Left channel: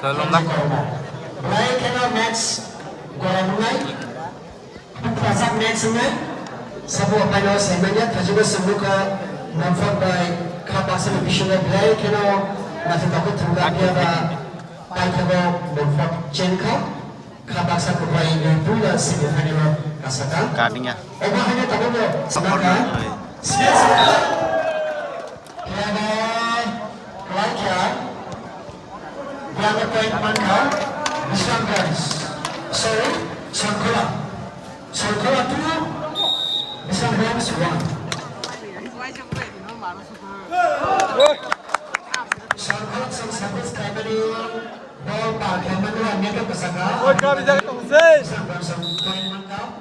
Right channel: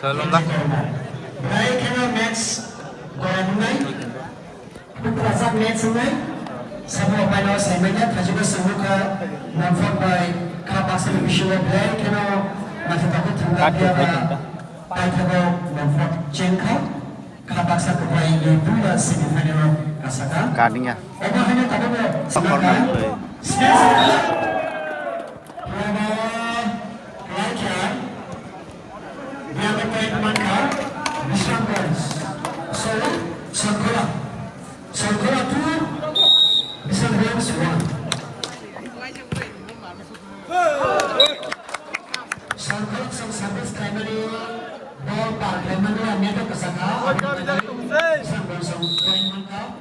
Salam lah. Kadinya. Corner play.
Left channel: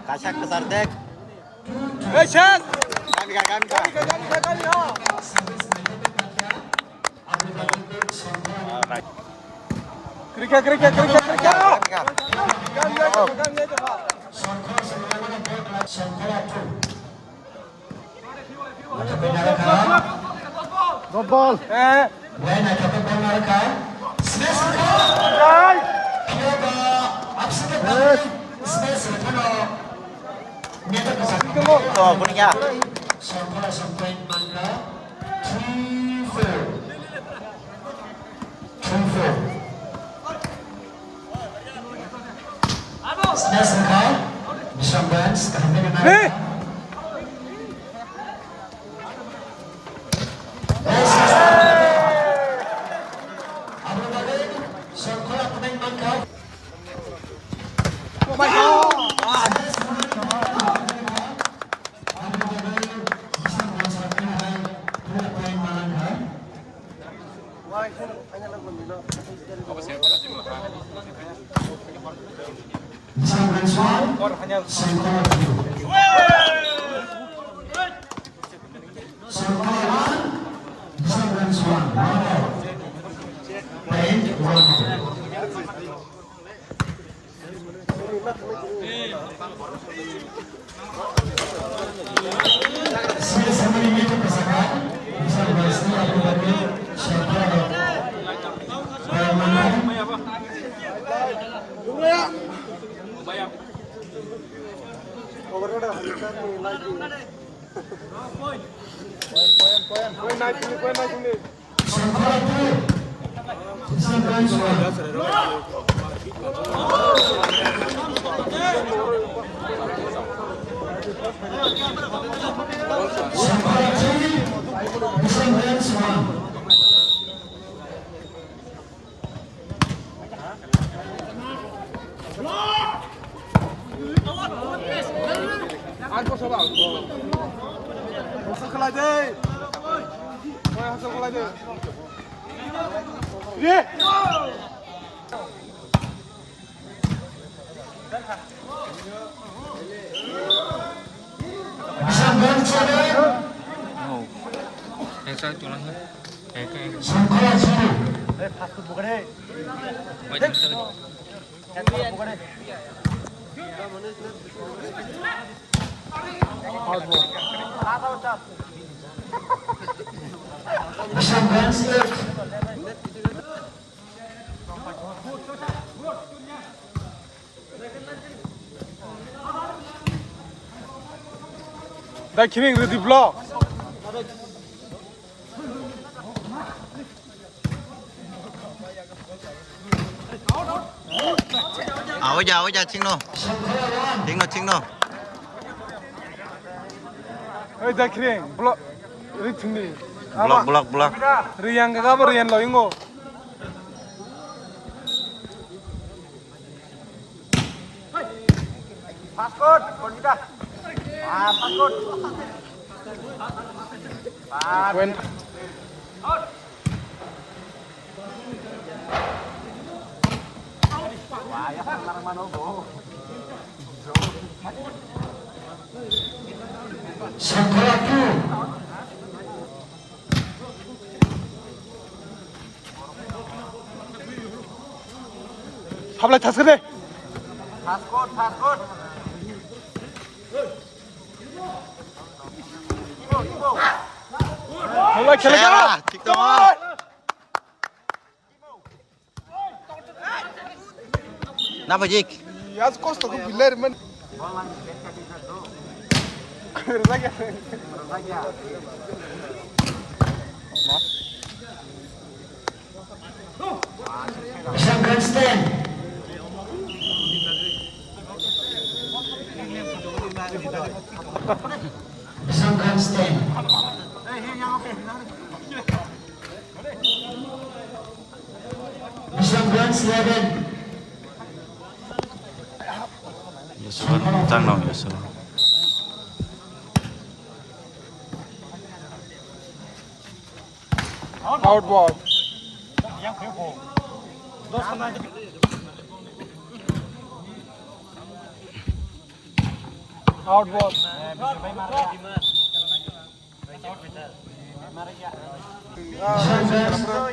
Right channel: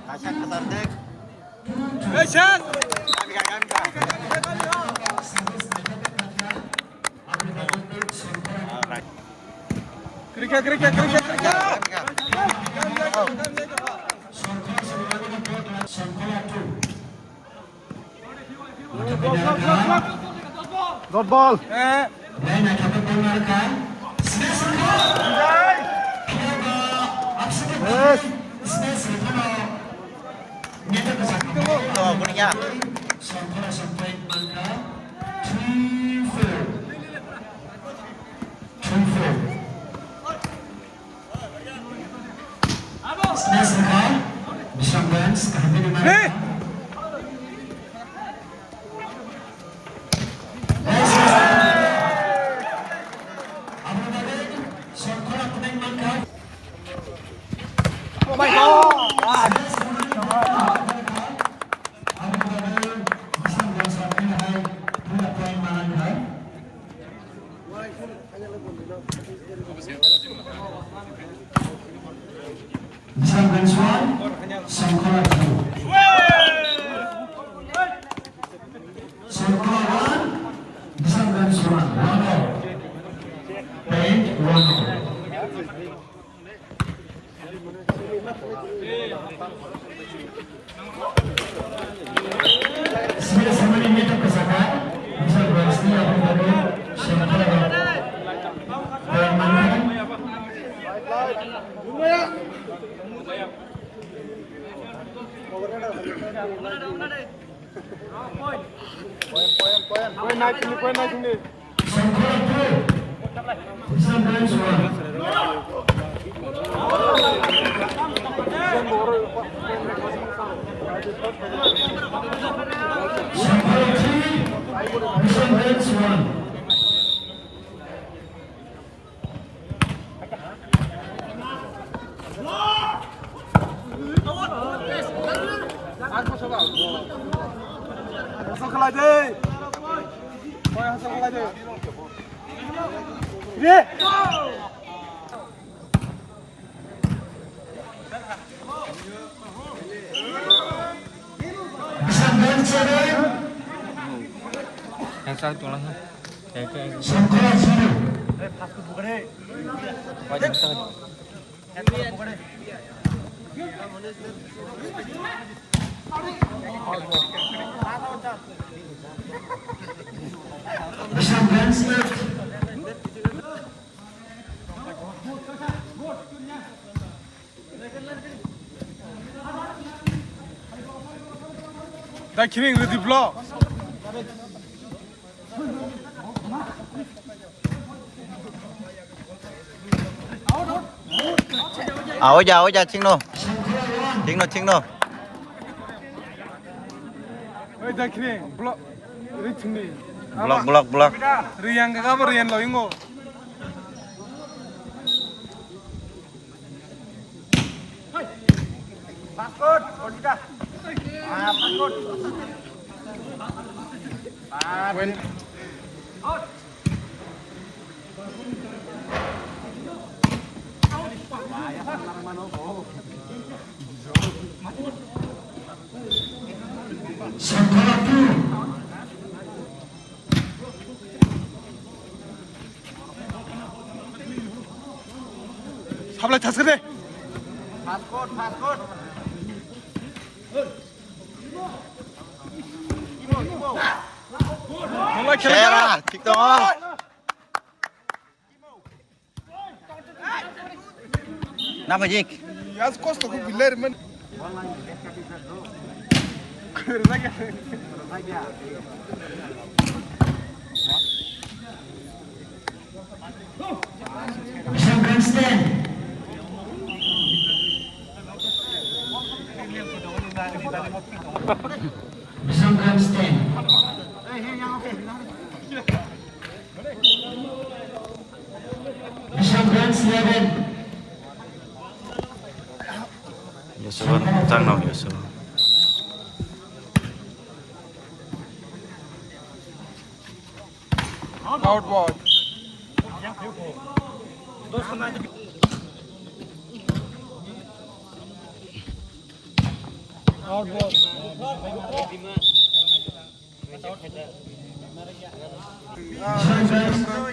Kasak besar dek. Kasak. Kerja. Good ball. Tuh, kuningnya. Killing with the block. Áo giờ chính nó. Hey, killing block. Return. Block. Rian ka ba Rian lo ingo. Passport, kita. Passport. When habla tasgede. Passport. Share, TikTok. Napa Jik? As costa ko pilar man. Isang grandstand. Isang grandstand. Isang grand's level. Yusuf, tang nong Yusuf. Out ball. Out ball. Isang grandstand.